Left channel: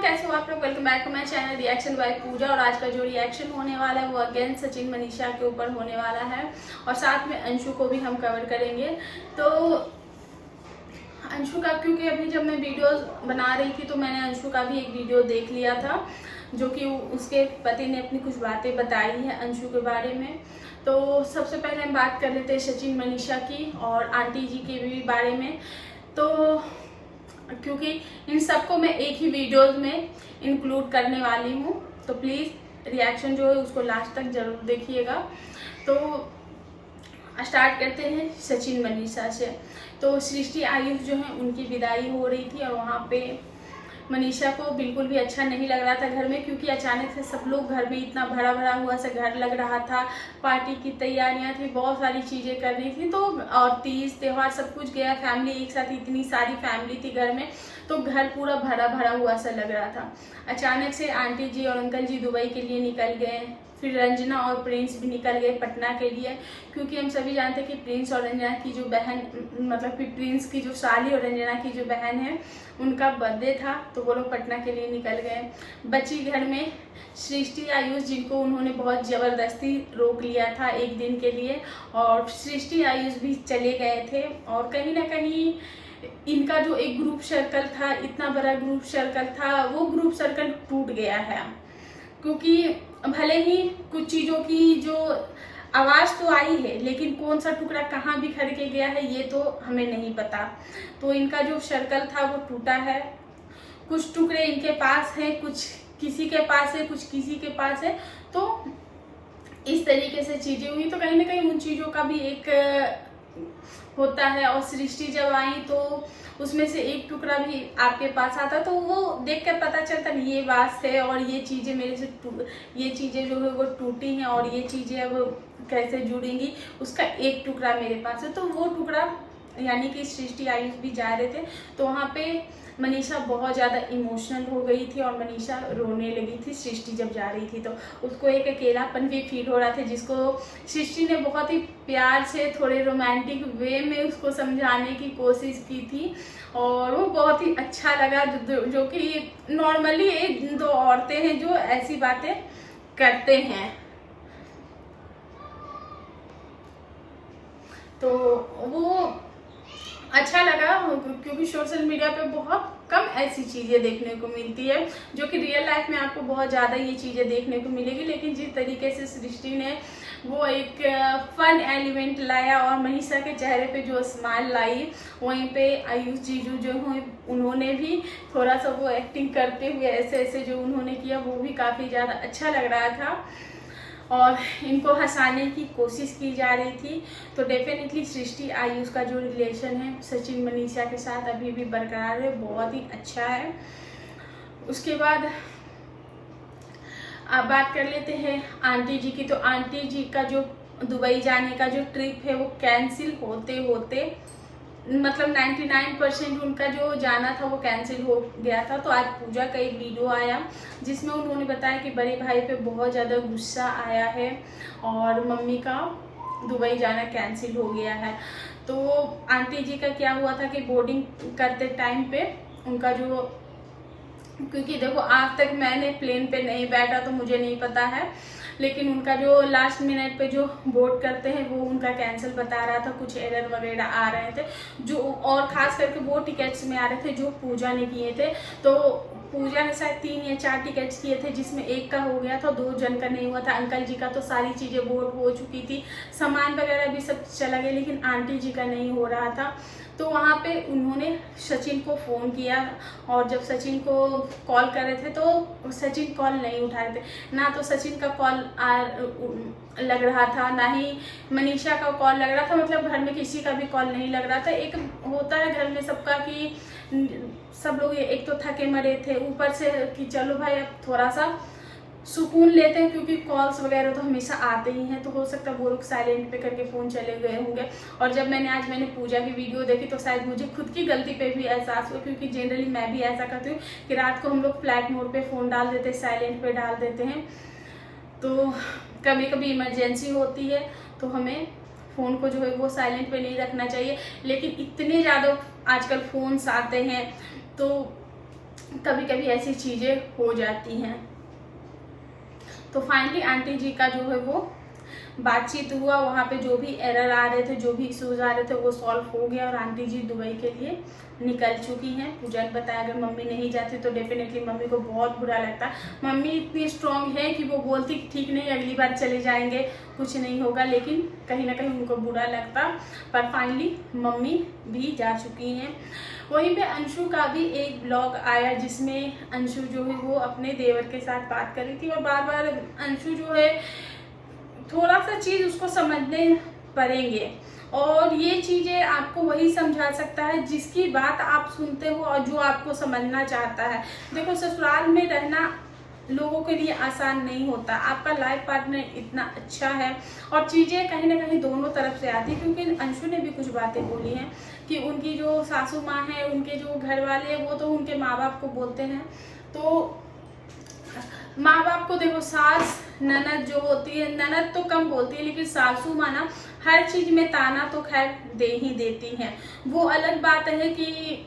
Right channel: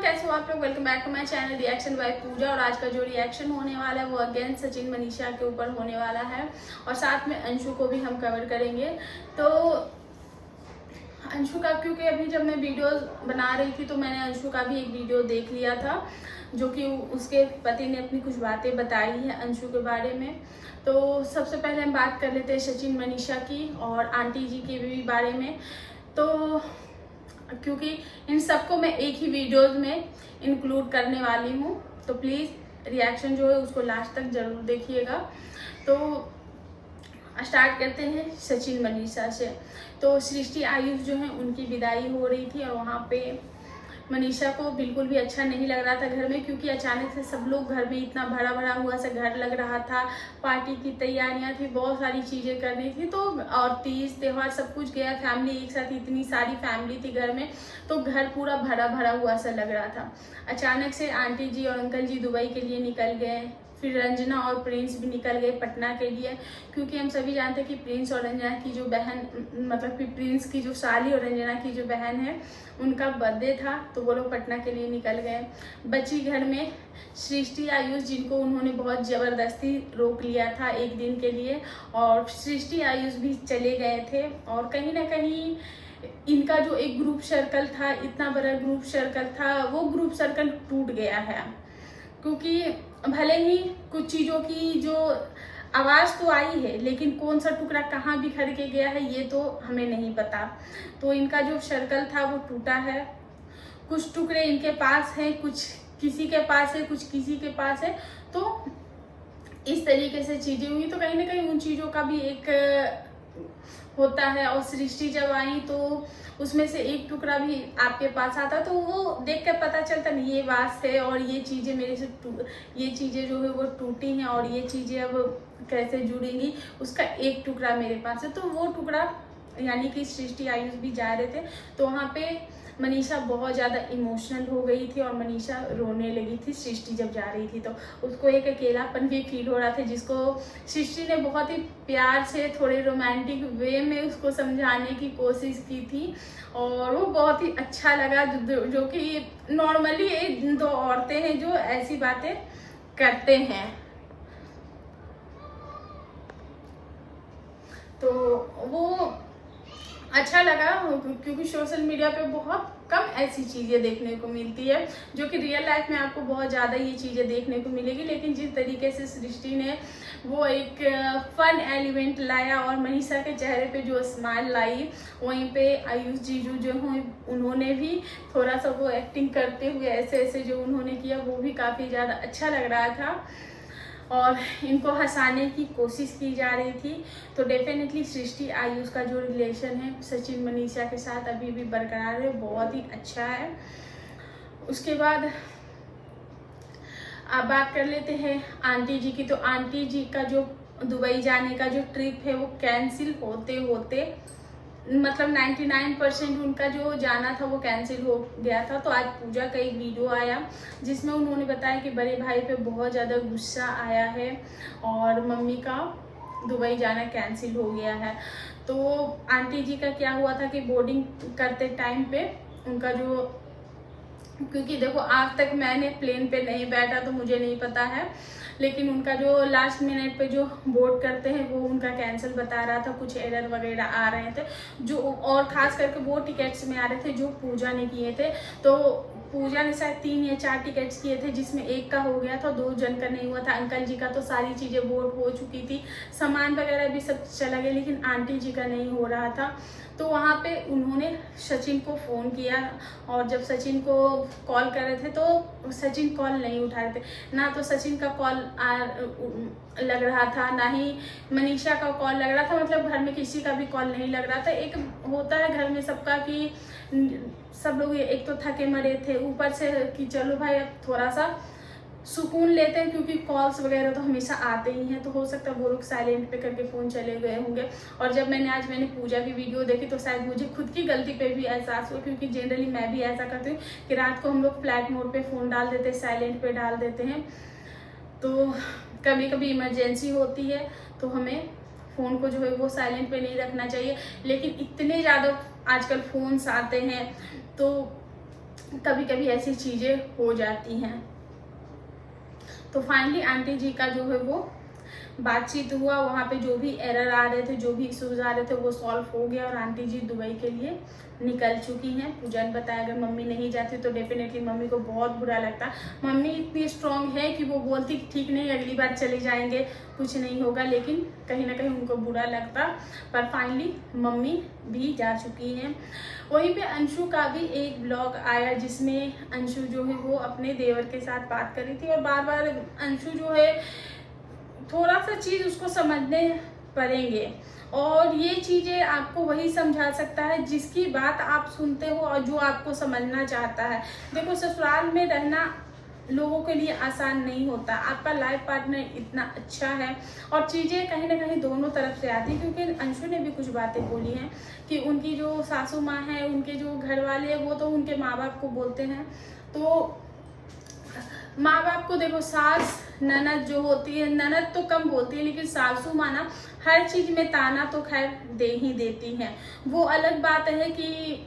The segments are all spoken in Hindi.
कैसे हो आप लोग। Welcome back to my channel reaction by Pooja. और आज का जो रिएक्शन होने वाला है वो अगेन सचिन मनीषा के ऊपर होने वाला है और साथ में अंशु को भी हम कवर करेंगे। तो अंशु का, क्योंकि अभी जब मैं वीडियोस बना रही थी तो मैंने अंशु का भी एक वीडियो देख लिया था जो कि उसके पति ने अपनी कुछ बातें बताई हैं अंशु के बारे में। तो सबसे पहले हम बात कर लेते हैं सचिन मनीषा की और आंटी जी के भी बारे में। तो क्योंकि इन सबको मैं एक ही वीडियोस में इंक्लूड करने वाली हूँ, तो प्लीज़ रिएक्शन जो है उसको लास्ट तक जरूर देखिएगा। तो स्टार्ट करते हैं सचिन मनीषा से। तो सृष्टि आयुष जो है उनकी विदाई हो रही थी और वहाँ पे मनीषा को बिल्कुल भी अच्छा नहीं लग रहा था घर में, क्योंकि अचानक से सब लोग घर में इतना भरा भरा हुआ सा घर लग रहा था। पार्टी की तैयारियां थी, बहुत सारी चीज़ें करनी थी, तो और तीज त्योहार सब कुछ गया, फैमिली एक साथ, इतनी सारी फैमिली थी घर में, तो घर पूरा भरा भरा हुआ सा लग रहा था। अचानक से आंटी जी और अंकल जी दुबई के लिए निकल गए, फिर रंजना और प्रिंस भी निकल गए पटना के लिए, क्योंकि हम सभी जानते हैं कि प्रिंस और रंजना की जो बहन, मतलब कि प्रिंस की जो साली और रंजना की जो बहन है उनका बर्थडे था, तो वो लोग पटना के लिए निकल गए। बची घर में सृष्टि आयुष, जिनको उन्होंने बहुत ज़बरदस्ती रोक लिया था एक दिन के लिए, और सृष्टि आयुष भी चले गए थे। और कहीं ना कहीं इनका जो एक ग्रुप सर्कल था, इतना बड़ा ग्रुप सर्कल था, वो ग्रुप सर्कल टूट गया है, क्योंकि भले ही कुछ चीज़ों की जो आवाज़ तो आई है, लेकिन कौन सा टुकड़ा कहाँ बिखर के गया है ये तो हमें नहीं पता। तो इनका जो सर्कल था वो टूटा है, कुछ टुकड़े इनके पास है, कुछ किसी के पास है, कुछ किसी के पास है। तो इस तरीके से चीज़ें हुई, तो कहीं ना कहीं उन चीज़ों का भी एक होता है। और सृष्टि जब आई तो उसमें से एक टुकड़ा भी आपके पास आता, तो वो देख कर पता चलता नहीं ये बात है और ये चीज़ें मेरे से ये चीज़ें जो है वो टूटी हैं और ये चीज़ें अब कैसे जुड़ेंगी, उसका एक टुकड़ा मेरे पास है। तो वो टुकड़ा यानी कि सृष्टि आयुष भी जा रहे थे, तो वहाँ पे मनीषा बहुत ज़्यादा इमोशनल हो गई थी और मनीषा रोने लगी थी सृष्टि जब जा रही थी। तो उसको एक अकेलापन भी फील हो रहा था, जिसको सृष्टि ने बहुत ही प्यार से थोड़े रोमांटिक वे में उसको समझाने की कोशिश की थी और वो बहुत ही अच्छा लगा। जो कि नॉर्मली दो औरतें हैं जो ऐसी बातें करते हैं, तो वो अच्छा लगा, क्योंकि सोशल मीडिया पे बहुत कम ऐसी चीज़ें देखने को मिलती है जो कि रियल लाइफ में आपको बहुत ज़्यादा ये चीज़ें देखने को मिलेगी। लेकिन जिस तरीके से सृष्टि ने वो एक फन एलिमेंट लाया और मनीषा के चेहरे पे जो स्माइल लाई, वहीं पे आयुष जीजू जो हैं उन्होंने भी थोड़ा सा वो एक्टिंग करते हुए ऐसे ऐसे जो उन्होंने किया वो भी काफ़ी ज़्यादा अच्छा लग रहा था और इनको हंसाने की कोशिश की जा रही थी। तो डेफिनेटली सृष्टि आयुष का जो रिलेशन है सचिन मनीषा के साथ अभी भी बरकरार है, बहुत ही अच्छा है। उसके बाद अब बात कर लेते हैं आंटी जी की। तो आंटी जी का जो दुबई जाने का जो ट्रिप है वो कैंसिल होते होते, मतलब 99% उनका जो जाना था वो कैंसिल हो गया था। तो आज पूजा का एक वीडियो आया जिसमें उन्होंने बताया कि बड़े भाई पे बहुत ज़्यादा गुस्सा आया है और मम्मी का दुबई जाना कैंसिल हो गया है। तो आंटी जी का क्या हुआ था कि बोर्डिंग करते टाइम पे उनका जो, क्योंकि देखो आज तक मैंने प्लेन पे नहीं बैठा तो मुझे नहीं पता है, लेकिन उनका जो लास्ट मिनट पे जो बोर्ड करते हैं वो उनका कैंसिल बता रहा था, कुछ एरर वगैरह आ रहे थे जो, और खास करके वो टिकट्स में आ रहे थे जो पूजा ने किए थे। तो पूजा ने शायद 3 या 4 टिकट्स किए थे, जिसमें एक का हो गया था, 2 जन का नहीं हुआ था। अंकल जी का तो सारी चीज़ें बोर्ड हो चुकी थी, सामान वगैरह भी सब चला गया, लेकिन आंटी जी का नहीं हो रहा था। तो वहाँ पे उन्होंने सचिन को फ़ोन किया और जब सचिन को कॉल कर रहे थे तो सचिन कॉल नहीं उठा रहे थे, ना तो सचिन का कॉल लग रहा था, ना ही मनीषा का कॉल लग रहा था, मतलब घर में किसी का भी कॉल नहीं लग रहा था। एक होता है घर में सबका कि सब लोग एक तो थके मरे थे, ऊपर से कि चलो भाई अब थोड़ा सा सुकून लेते हैं, क्योंकि कॉल्स वगैरह तो हमेशा आते ही हैं। तो हो सकता है वो लोग साइलेंट पे करके फ़ोन चले गए होंगे। और जब मैंने पूजा की वीडियो देखी तो शायद मुझे खुद की गलती पे भी एहसास हुआ, क्योंकि जनरली मैं भी ऐसा करती हूँ कि रात को हम लोग फ्लाइट मोड पे फ़ोन डाल देते हैं, साइलेंट पे डाल देते हैं। तो कभी कभी इमरजेंसी होती है तो हमें फ़ोन को जो है वो साइलेंट पे नहीं रखना चाहिए। लेकिन इतने ज़्यादा आजकल फ़ोन्स आते हैं तो कभी कभी ऐसी चीज़ें हो जाती हैं। तो फाइनली आंटी जी का जो है वो बातचीत हुआ, वहाँ पे जो भी एरर आ रहे थे, जो भी इश्यूज आ रहे थे वो सॉल्व हो गया और आंटी जी दुबई के लिए निकल चुकी हैं। पूजा ने बताया अगर मम्मी नहीं जाती तो डेफिनेटली मम्मी को बहुत बुरा लगता। मम्मी इतनी स्ट्रांग है कि वो बोलती कि ठीक नहीं अगली बार चले जाएंगे, कुछ नहीं होगा, लेकिन कहीं ना कहीं उनको बुरा लगता। पर फाइनली मम्मी भी जा चुकी हैं। वहीं पे अंशु का भी एक ब्लॉग आया जिसमें अंशु जो है वो अपने देवर के साथ बात कर रही थी और बार बार अंशु जो है थोड़ा सा चीज़ उसको समझने पड़ेंगे और ये चीज़ें आपको वही समझा सकता है जिसकी बात आप सुनते हो और जो आपको समझना चाहता है। देखो ससुराल में रहना लोगों के लिए आसान नहीं होता। आपका लाइफ पार्टनर इतना अच्छा है और चीज़ें कहीं ना कहीं दोनों तरफ से आती है, क्योंकि अंशु ने भी कुछ बातें बोली हैं कि उनकी जो सासू माँ है, उनके जो घर वाले हैं वो तो उनके माँ बाप को बोलते हैं। तो माँ बाप को देखो, सास ननद जो होती है, ननद तो कम बोलती है लेकिन सासू माँ ना हर चीज में ताना तो खैर दे ही देती हैं। वो अलग बात है कि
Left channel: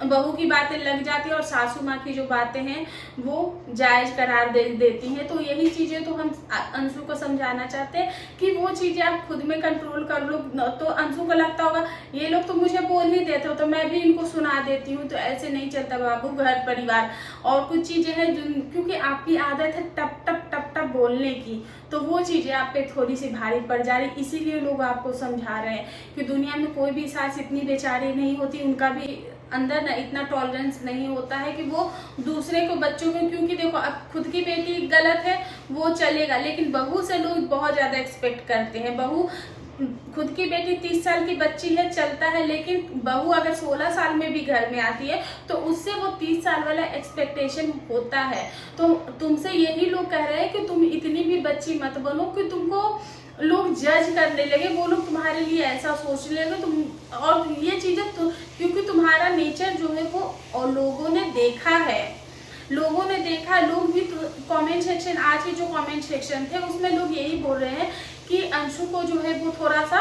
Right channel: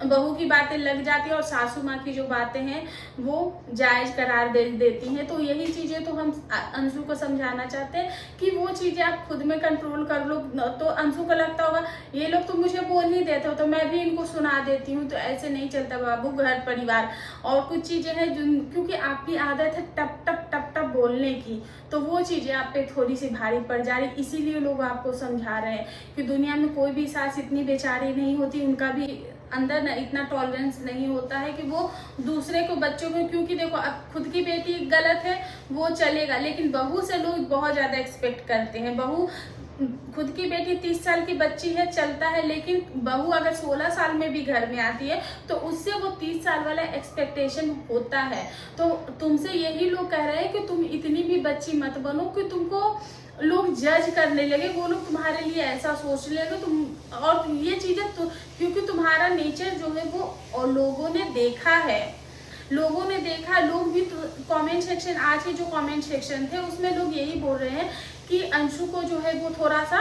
बहू की बातें लग जाती हैं और सासू माँ की जो बातें हैं वो जायज करार दे देती हैं। तो यही चीजें तो हम अंशु को समझाना चाहते हैं कि वो चीजें आप खुद में कंट्रोल कर लो। तो अंशु को लगता होगा ये लोग तो मुझे बोल ही देते हो तो मैं भी इनको सुना देती हूँ, तो ऐसे नहीं चलता बाबू, घर परिवार। और कुछ चीजें हैं क्योंकि आपकी आदत है टप टप टप टप बोलने की, तो वो चीजें आप पे थोड़ी सी भारी पड़ जा रही, इसीलिए लोग आपको समझा रहे हैं कि दुनिया में कोई भी सास इतनी बेचारी नहीं होती, उनका भी अंदर ना इतना टॉलरेंस नहीं होता है कि वो दूसरे को, बच्चों को, क्योंकि देखो अब खुद की बेटी गलत है वो चलेगा, लेकिन बहू से लोग बहुत ज्यादा एक्सपेक्ट करते हैं। बहू, खुद की बेटी 30 साल की बच्ची है चलता है, लेकिन बहू अगर 16 साल में भी घर में आती है तो उससे वो 30 साल वाला एक्सपेक्टेशन होता है। तो तुमसे यही लोग कह रहे हैं कि तुम इतनी भी बच्ची मत बनो कि तुमको लोग जज करने लगे, वो लोग तुम्हारे लिए ऐसा सोचने लगे तुम, और ये चीजें तो क्योंकि तुम्हारा नेचर जो है वो और लोगों ने देखा है, लोगों ने देखा। लोग भी तो कमेंट सेक्शन, आज के जो कमेंट सेक्शन थे उसमें लोग यही बोल रहे हैं कि अंशु को जो है वो थोड़ा सा,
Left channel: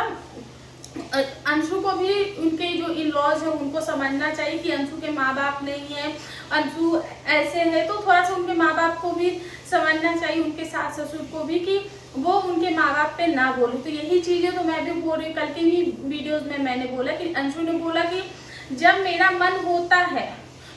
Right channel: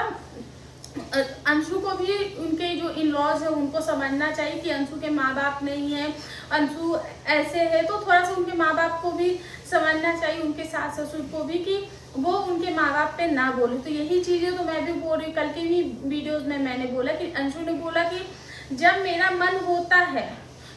अंशु को भी उनके जो इन लॉज है उनको समझना चाहिए कि अंशु के माँ बाप नहीं है, अंशु ऐसे है, तो थोड़ा सा उनके माँ बाप को भी समझना चाहिए, उनके सास ससुर को भी, कि वो उनके माँ बाप पे ना बोले। तो यही चीजें तो मैं भी बोल रही हूँ। कल के भी वीडियोस में मैंने बोला कि अंशु ने बोला कि जब मेरा मन होता है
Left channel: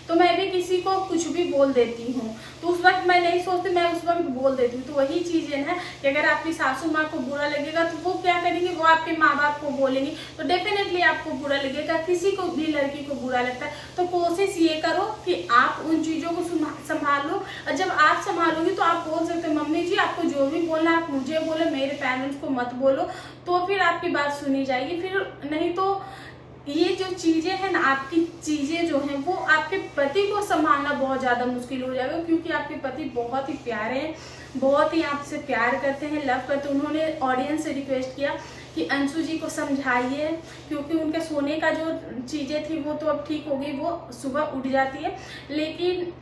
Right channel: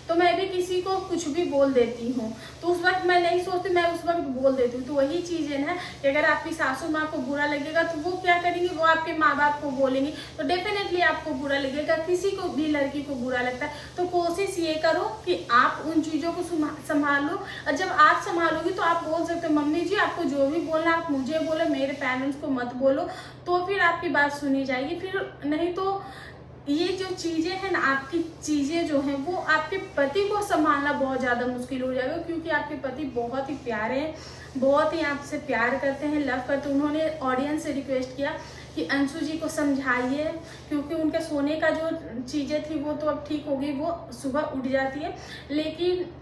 तो मैं भी किसी को कुछ भी बोल देती हूँ, तो उस वक्त मैं नहीं सोचती, मैं उस वक्त बोल देती हूँ। तो वही चीजें ना कि अगर आपकी सासू माँ को बुरा लगेगा तो वो क्या करेंगे, वो आपके माँ बाप को बोलेंगे, तो डेफिनेटली आपको बुरा लगेगा। किसी को भी लड़की को बुरा लगता है, तो कोशिश ये करो कि आप उन चीजों को संभालो, और जब आप संभालोगी तो आप बोल सकते हो मम्मी जी आपको जो भी बोलना आप मुझे बोलो, मेरे पेरेंट्स को मत बोलो, तो फिर आपकी बात सुनी जाएगी। फिर नहीं तो ये जो चीजें हैं ना, आपकी चीजें जो हैं वो आपके पति को संभालना बहुत ज्यादा मुश्किल हो जाएगा, क्योंकि आपके पति बहुत ही प्यारे हैं, बहुत ही आपसे प्यार करते हैं, लव करते हैं। उन्होंने ऑडियंस से रिक्वेस्ट किया कि अंशु जी को समझाइए, क्योंकि उनके सोने का जो चीजें थी वो तो अब ठीक हो गई, वो सुबह उठ जाती है, लेकिन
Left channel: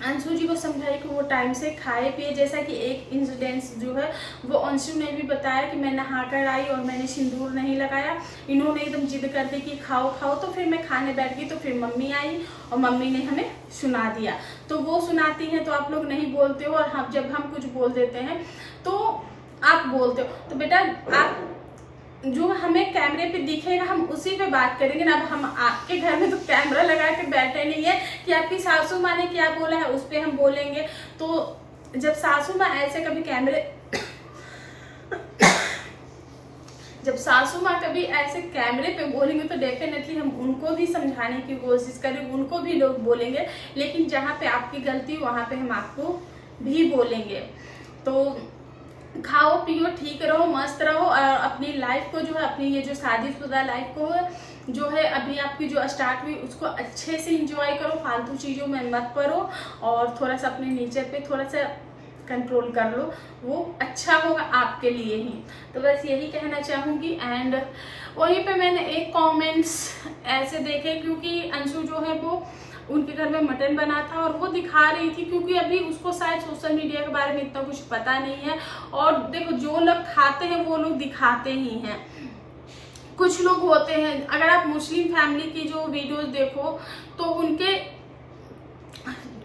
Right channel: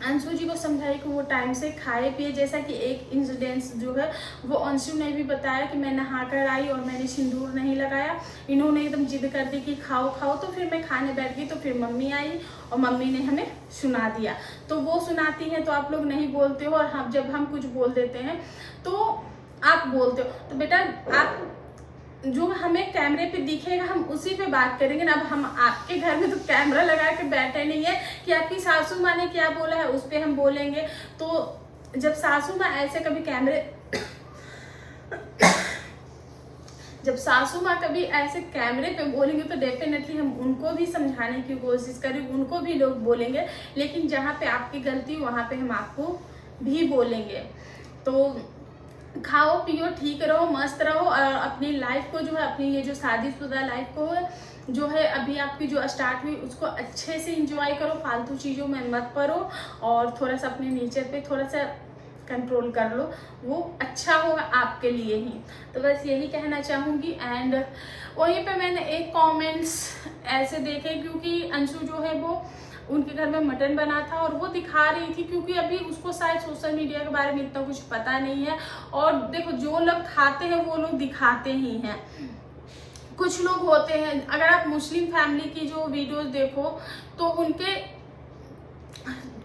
अंशु जी को समझाइए कि वो टाइम से खाए पिए। जैसा कि एक इंसिडेंस जो है वो अंशु ने भी बताया कि मैं नहा कर आई और मैंने सिंदूर नहीं लगाया, इन्होंने एकदम जिद कर दी कि खाओ खाओ, तो फिर मैं खाने बैठ गई, तो फिर मम्मी आई और मम्मी ने हमें सुना दिया। तो वो सुनाती हैं तो आप लोग नहीं बोलते हो, और हम जब हम कुछ बोल देते हैं तो आप बोलते हो। तो बेटा आप जो हमें कैमरे पे दिखेगा हम उसी पे बात करेंगे ना। अब हम आपके घर में तो कैमरा लगा के बैठे नहीं है कि आपकी सासू माँ ने क्या बोला है उस पे हम बोलेंगे। तो जब सासू माँ ऐसे कभी जब सासू माँ कभी ऐसे कैमरे पे बोलेंगे तो डेफिनेटली हम उनको भी समझाने की कोशिश करेंगे, उनको भी लोग बोलेंगे, लेकिन जहाँ पे आपकी गलती वहाँ पे हम आपको भी बोलेंगे। तो खाओ पियो, ठीक रहो, मस्त रहो, और अपनी लाइफ को जो है, अपनी ये जो शादीशुदा लाइफ को जो है अभी आपकी जो स्टार्ट हुई उसको अच्छे से एंजॉय करो, फालतू चीज़ों में मत पड़ो, और थोड़ा सा अपने नेचर पे थोड़ा सा कंट्रोल कर लो, वो अच्छा होगा आपके लिए ही। तो बस यही कहना चाहूँगी। एंड वहीं पे मैंने एक कमेंट्स ऐसे देखे, क्योंकि अंशु जो है वो उनके घर में मटन बना था और वो दिखा रही थी, क्योंकि अभी उसको शायद सोशल मीडिया के बारे में इतना कुछ पता नहीं है। और देखो जो लोग खाते हैं वो लोग दिखाते ही हैं। कुछ लोग होते हैं, अगर आप मुस्लिम फैमिली की जो वीडियोस देखो तो उनके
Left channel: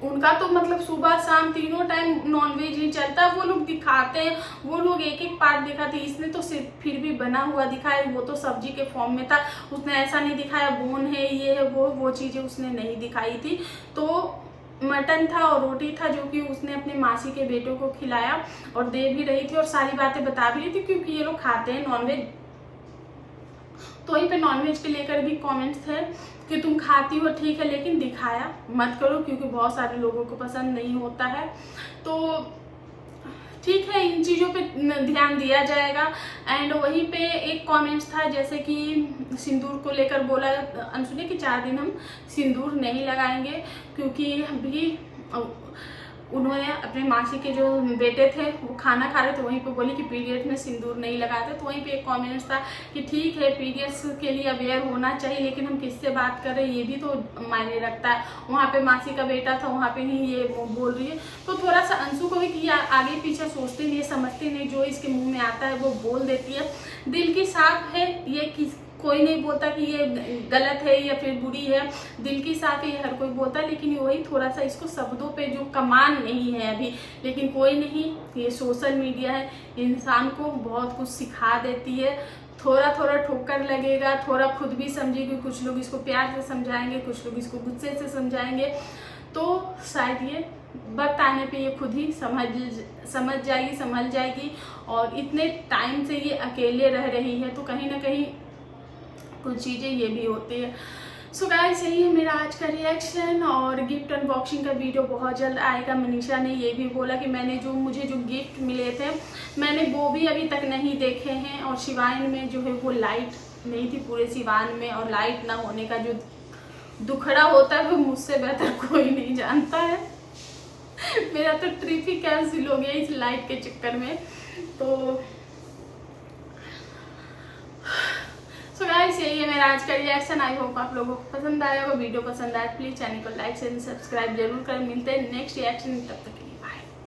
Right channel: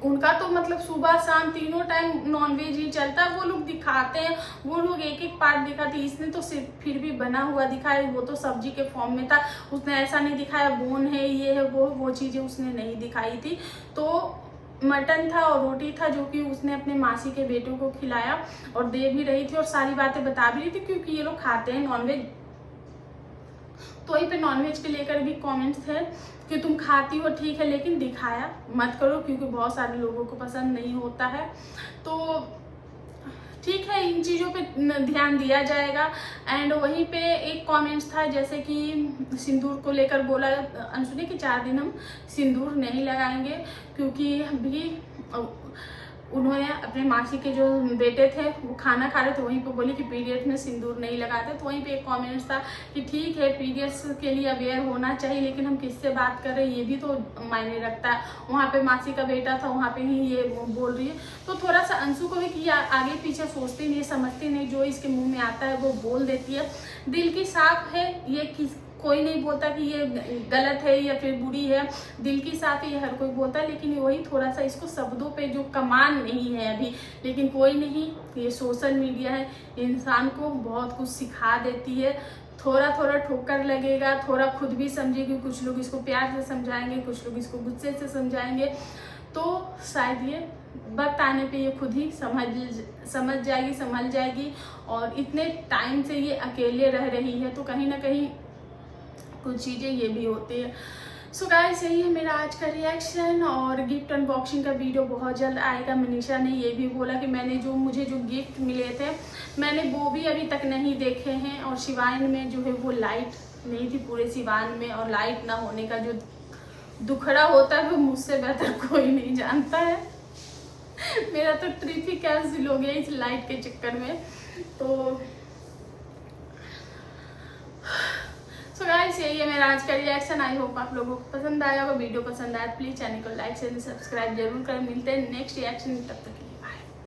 उनका तो मतलब सुबह शाम तीनों टाइम नॉनवेज ही चलता है। वो लोग दिखाते हैं, वो लोग एक एक पार्ट दिखाते हैं। इसने तो सिर्फ फिर भी बना हुआ दिखाया, वो तो सब्जी के फॉर्म में था। उसने ऐसा नहीं दिखाया बोन है ये है वो चीजें उसने नहीं दिखाई थी। तो मटन था और रोटी था जो कि उसने अपने मासी के बेटों को खिलाया और दे भी रही थी और सारी बातें बता भी रही थी, क्योंकि ये लोग खाते हैं नॉनवेज। तो वहीं पे नॉनवेज के लेकर भी कमेंट्स थे कि तुम खाती हो ठीक है, लेकिन दिखाया मत करो, क्योंकि बहुत सारे लोगों को पसंद नहीं होता है। तो ठीक है, इन चीज़ों पे ध्यान दिया जाएगा। एंड वहीं पे एक कमेंट्स था जैसे कि सिंदूर को लेकर बोला अंशु ने कि 4 दिन हम सिंदूर नहीं लगाएंगे, क्योंकि अभी उन्होंने अपने मासी के जो बेटे थे वो खाना खा रहे थे, वहीं पे बोली कि पीरियड्स में सिंदूर नहीं लगाते। तो वहीं पे एक कमेंट्स था कि ठीक है पीरियड्स के लिए अवेयर होना चाहिए, लेकिन हम किससे बात कर रहे हैं ये भी तो मायने रखता है। वहाँ पे मासी का बेटा था, वहाँ पे ही ये बोल रही है। तो थोड़ा सा अंशु को भी कि आगे पीछे सोचती नहीं, समझती नहीं, जो इसके मुँह में आता है वो बोल देती है। दिल की साफ है, ये कोई नहीं बोलता कि ये गलत है या फिर बुरी है, दिल की साफ है हर कोई बोलता है। लेकिन वही थोड़ा सा इसको शब्दों पे जो कमान नहीं है अभी, लेकिन कोई नहीं, ये सोशल मीडिया है, इंसान को बहुत कुछ सिखा देती है। थोड़ा थोड़ा ठोकर लगेगा, थोड़ा खुद भी समझेगी, कुछ लोग इसको प्यार से समझाएंगे, कुछ लोग इसको गुस्से से समझाएंगे। तो शायद ये वक्त आने पे ये खुद ही समझ जाएगी, संभल जाएगी। और इतने टाइम से ये अकेले रह रही है, तो कहीं ना कहीं कुछ चीज़ें ये भी होती है। सो गाइस, यही है मेरा आज का रिएक्शन। और गिफ्ट अनबॉक्सिंग का वीडियो बहुत जल्द आएगा। मनीषा ने ये भी बोला कि मुझे जो गिफ्ट मिले थे मैंने वो भी अभी तक नहीं देखे हैं। और शिवान में जो है वो लाइट नहीं थी पूरे शिवान में, और लाइट ना होने का जो दुखड़ा होता है वो मुझसे बेहतर कोई नहीं जानता है। मेरा तो ट्रिप ही कैंसिल हो गया इस लाइट के चक्कर में। तो सो गाइस, यही है मेरा आज का रिएक्शन। आई होप आप लोगों को पसंद आया होगा। वीडियो पसंद आया प्लीज चैनल को लाइक शेयर सब्सक्राइब जरूर करें। मिलते हैं नेक्स्ट रिएक्शन, तब तक के लिए।